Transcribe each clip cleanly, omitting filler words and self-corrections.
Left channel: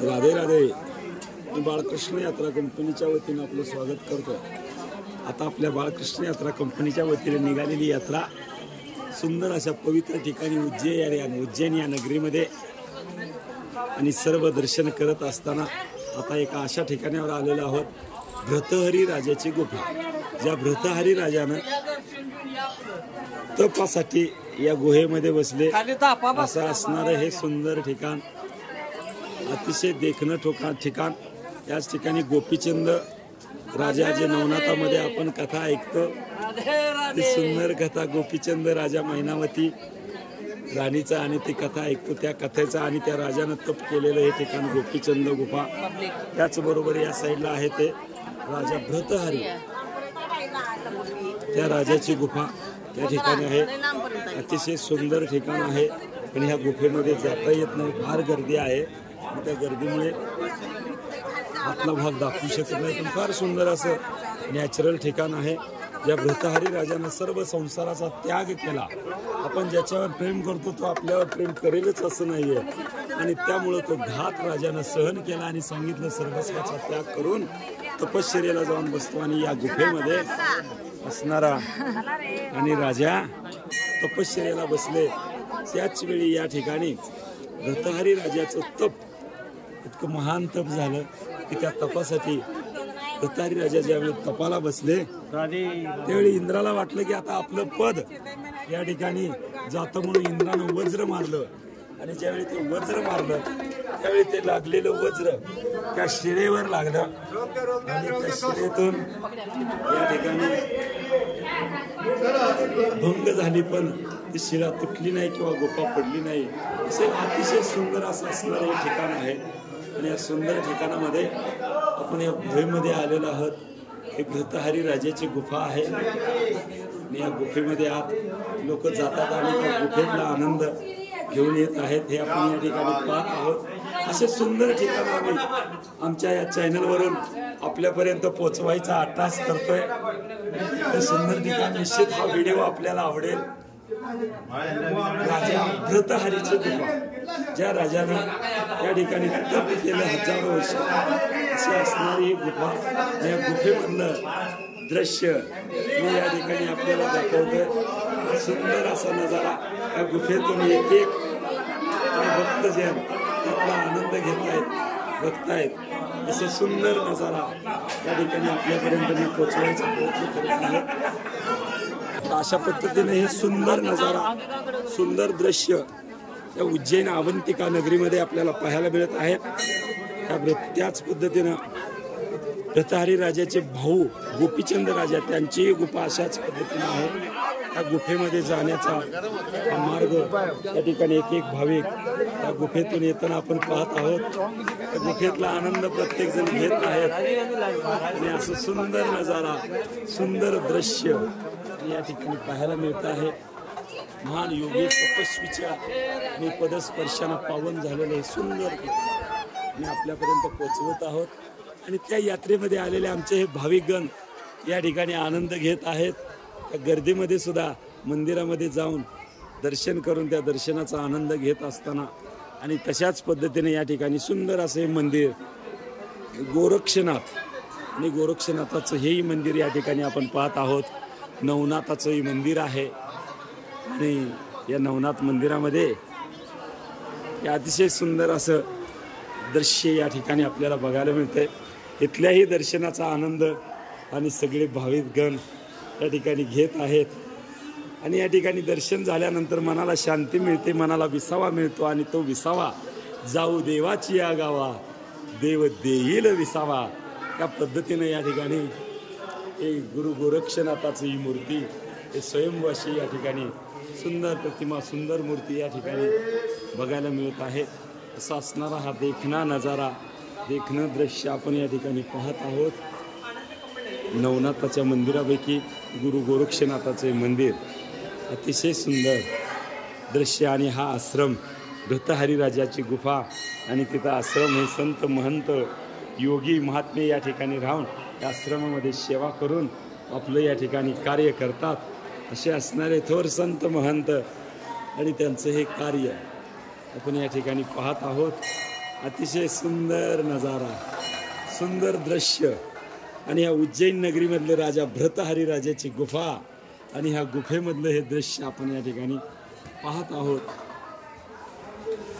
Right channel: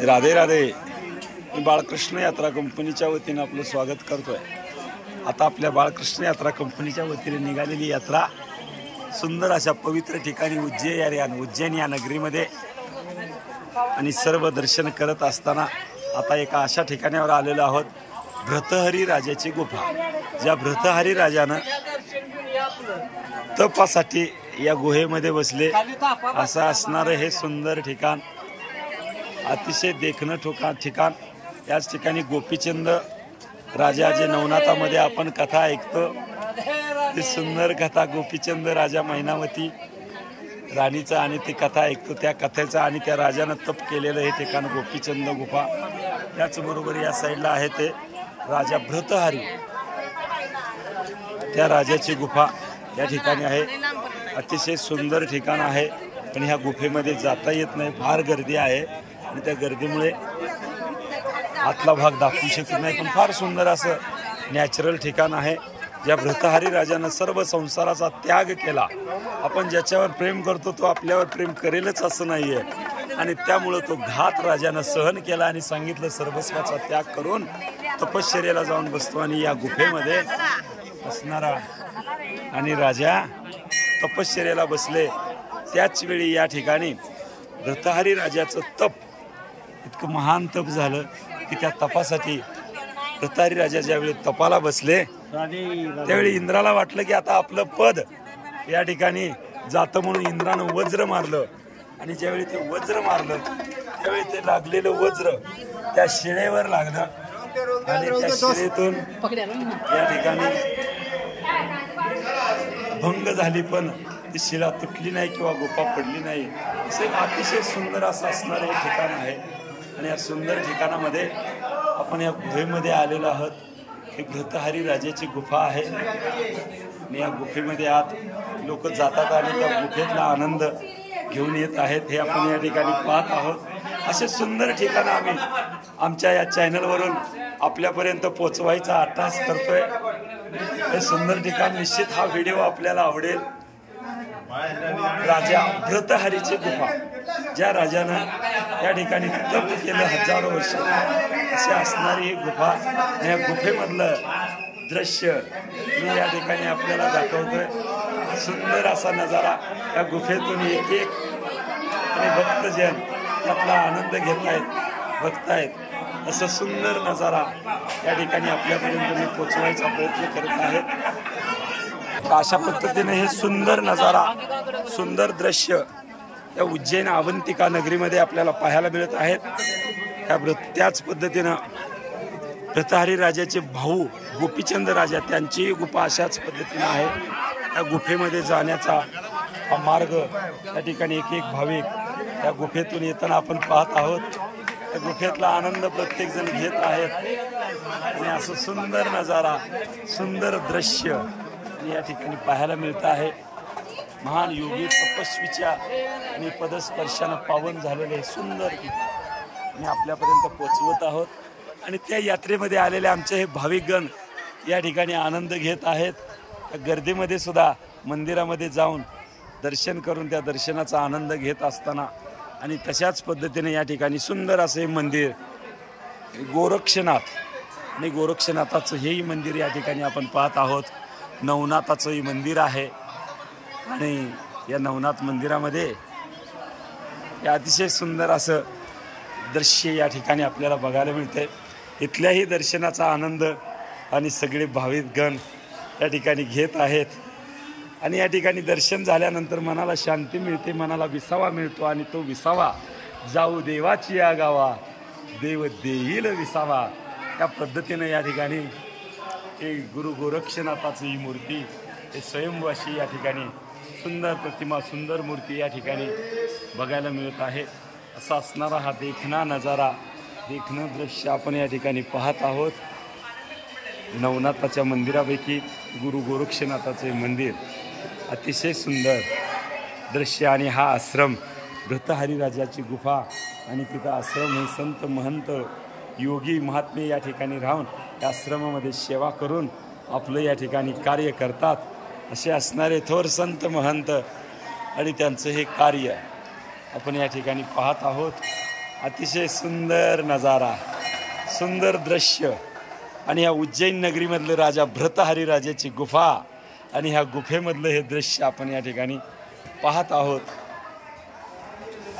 राधे राधे. मी बाळकृष्ण यात्रा कंपनीच्या वतीने आपलं स्वागत करतोय. आता आपल्या बाळकृष्ण यात्रा कंपनीच्या वतीने निघालेली यात्रा सुंदर अशा पवित्र ठिकाणी उज्जैन या नगरीमध्ये आणि सर्व दर्शन करत असताना आता एका अशा ठिकाणावर आलेलो आहोत, भ्रतहरी राजाची गुफा. ज्या भ्रतहरी राजानं तपासाठी या गुहेमध्ये बसले असं असणारं हे सुंदर ठिकाण, अतिशय देखणं ठिकाण. याच ठिकाणी गोपीचंद राजा जे नवनाथामध्ये आपण कथा ऐकतो, ती सुंदर कथा गोपीचंद राजा मैनावती राणीचं आणि ती कथा ऐकतो, त्या कथेचं आणि त्या राजानं तप केलेलं हे ठिकाण गोपीचंद गुफा. त्याचबरोबर या साईडला आहे ते राजा भ्रतहरी, त्या राजाची गुफा या ठिकाणी आहे. अतिशय सुंदर ठिकाण आहे, पण ह्या गुफेमध्ये जाता येत नाही, फार गर्दी आहे आणि त्या गर्दीमुळे आतला भाग दाखवू शकत नाही. पण फार सुंदर असं नॅचरल ठिकाण आहे. ज्या भ्रतहरी राजानं सर्व संसाराचा त्याग केला. आपण ज्याच्यावर प्रेम करतो तो आपल्यावर प्रेम करेलच असं नाहीये, आणि त्यामुळं तो घात राजानं सहन केला आणि सांगितलं सर्वस्वाचा त्याग करून तपश्चर्याला जाऊन बसतो. आणि या गुफेमध्ये असणारा आणि राजा तपश्चर्याला बसले. त्याच वेळी या ठिकाणी भ्रतहरी राजाचं तप इतकं महान तप झालं की त्या तपासाठी भ्रतहरी राजा ज्यावेळी तपाला बसले त्यावेळी इंद्राला वाटलं की आता आपलं पद या ठिकाणी जातं, म्हणून इंद्रानं वज्र मारलं. आणि ज्यावेळी ते वज्र मारलं त्यावेळी ते लागलेलं वज्र त्या शिळेवर लागलं आणि त्या शिळेतून या ठिकाणी भंग झाली, पण ती शिळा तुटली नाही किंवा गुफा पडली नाही. असं अतिशय सुंदर असं असणारं हे ठिकाण आहे. आणि या सुंदर ठिकाणामध्ये आपण या गुफेमध्ये आलेलो आहोत. ही भ्रतहरी राजाची गुफा आहे आणि या गुफेमध्ये आत लोक जातात आणि त्या गुफेतला आनंद घेऊन येत आहेत, हे आपण या ठिकाणी पाहत आहोत. असे सुंदर ठिकाण आम्ही आमच्या या चॅनलवरून आपल्यापर्यंत पोचवायचा आट्टास करतोय. हे सुंदर ठिकाण निश्चित हा व्हिडिओ आपल्याला आवडेल. राजा भ्रतहरीची गुफा, ज्या राजानं या ठिकाणी तप केलं हजारो वर्ष, अशी असणारी ही गुफा. या गुफेमधलं दृश्य मी या ठिकाणी आपल्याला दाखवतोय. सुंदर असा नजारा या गुफेतून एक एक आणि भक्तजन त्यातला आनंद घेतायत, बघतायत. असं सुंदर नजारा या ठिकाणी आपल्यापर्यंत मी पोचवायचा प्रयत्न करत आहे. अशा पद्धतीने हे सुंदर नजारा, सुंदर दृश्य या उज्जैन अवंतिका नगरीमध्ये आपल्याला पाहायला मिळत आहेत. त्याच पद्धतीनं भ्रतहरी राजाचे भाऊ गोपीचंद राजा, त्यांचीही गुफा अशाच पद्धतीनं आहे. या गुफेमध्ये जाण्याचा हा मार्ग या ठिकाणी एक एक भाविक या गुफेतून येताना आपण पाहत आहोत. त्या गुफेतला आनंद प्रत्येक जण घेत आहेत आणि असं सुंदर नजारा, सुंदर दृश्य आणि या ठिकाणी पाहायला मिळत आहे. महान योगी तपस्वीच्या आणि पदस्पर्शानं पावन झालेलं हे सुंदर मी आपल्यापर्यंत पोचवत आहोत. आणि त्या यात्रेमध्ये आलेले आमचे हे भाविकगण या ठिकाणी आनंद घेत आहेत. त्या गर्दीमध्ये सुद्धा मंदिरामध्ये जाऊन दर्शन करून त्या दर्शनाचा आनंद घेत असताना, आणि तशाच पद्धतीने या ठिकाणी सुंदर असे मंदिर गोरक्षनाथ, आणि गोरक्षनाथाचं हेही मंदिर या ठिकाणी आपण पाहत आहोत. नवनाथाचंही मंदिर आहे आणि या नवनाथ मंदिरामध्ये या अतिशय सुंदर असं दृश्य या ठिकाणी आपल्याला बघायला मिळतंय. इथल्याही दर्शनाचा आनंद आणि सगळे भाविकगण या ठिकाणी घेत आहेत. आणि या ठिकाणी दर्शन झाल्यानंतर मनाला शांती मिळते, मनाला विसावा मिळतो. आणि तो विसावा जाऊ देवाची या गावा, देव देईल विसावा. या पद्धतीनं या ठिकाणी हे गुरु गोरक्षनाथाची ही मूर्ती, हे स्वयंभू अशी या ठिकाणी सुंदर प्रतिमा, सुंदर मूर्ती या ठिकाणी बघायला मिळत आहे. असा असणारा हा देखणा नजारा, देखणं दृश्य आपण या ठिकाणी पाहत आहोत. नवनाथाच्या मंदिरापैकी गुरु गोरक्षनाथाचे मंदिर अतिशय सुंदर दृश्य. आणि हा आश्रम भ्रतहरी राजाची गुफा, आणि तिथं आश्रम हे संत महंत योगी महात्मे या ठिकाणी राहून या आश्रमामध्ये सेवा करून आपलं या ठिकाणी कार्य करतात. असे असणारे थोर संत महंत आणि त्यांचं हे कार्य आपण या ठिकाणी पाहत आहोत. अतिशय सुंदर नजारा, सुंदर दृश्य आणि ह्या उज्जैन नगरीमधलं राजा भृतहरी राजाची गुफा आणि ह्या गुफेमधलं हे दृश्य आपण या ठिकाणी पाहत आहोत।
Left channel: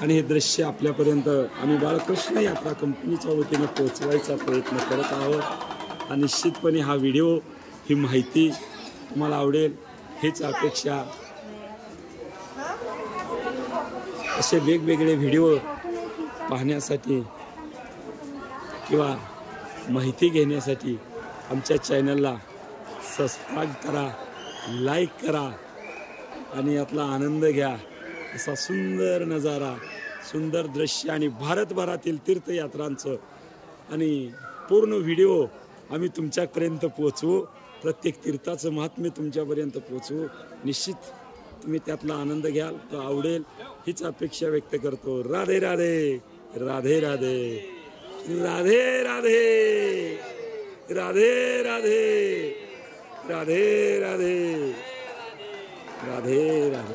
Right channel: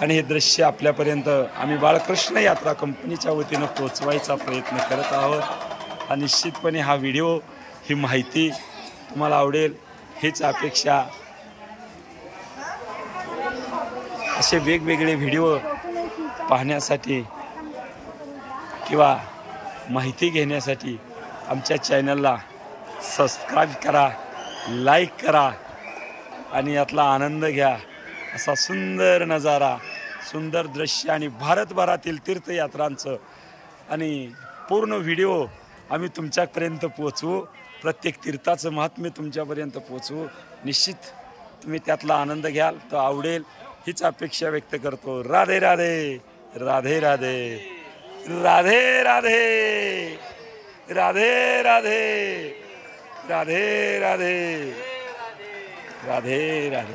आणि हे दृश्य आपल्यापर्यंत आम्ही बाळकृष्ण यात्रा कंपनीच्या वतीनं पोचवायचा प्रयत्न करत आहोत। हा निश्चितपणे हा व्हिडिओ, ही माहिती तुम्हाला आवडेल हीच अपेक्षा। असे वेगवेगळे व्हिडिओ पाहण्यासाठी किंवा माहिती घेण्यासाठी आमच्या चॅनलला सबस्क्राईब करा, लाईक करा आणि यातला आनंद घ्या। असा सुंदर नजारा, सुंदर दृश्य आणि भारतभरातील तीर्थयात्रांचं आणि पूर्ण व्हिडिओ आम्ही तुमच्यापर्यंत पोचवू। प्रत्येक तीर्थाचं महात्म्य तुमच्यापर्यंत पोचवू। निश्चित तुम्ही त्यातला आनंद घ्याल, तो आवडेल हीच अपेक्षा व्यक्त करतो। राधे राधे, राधे राधे, राधे राधे, राधे राधे, राधे राधे, राधे राधे।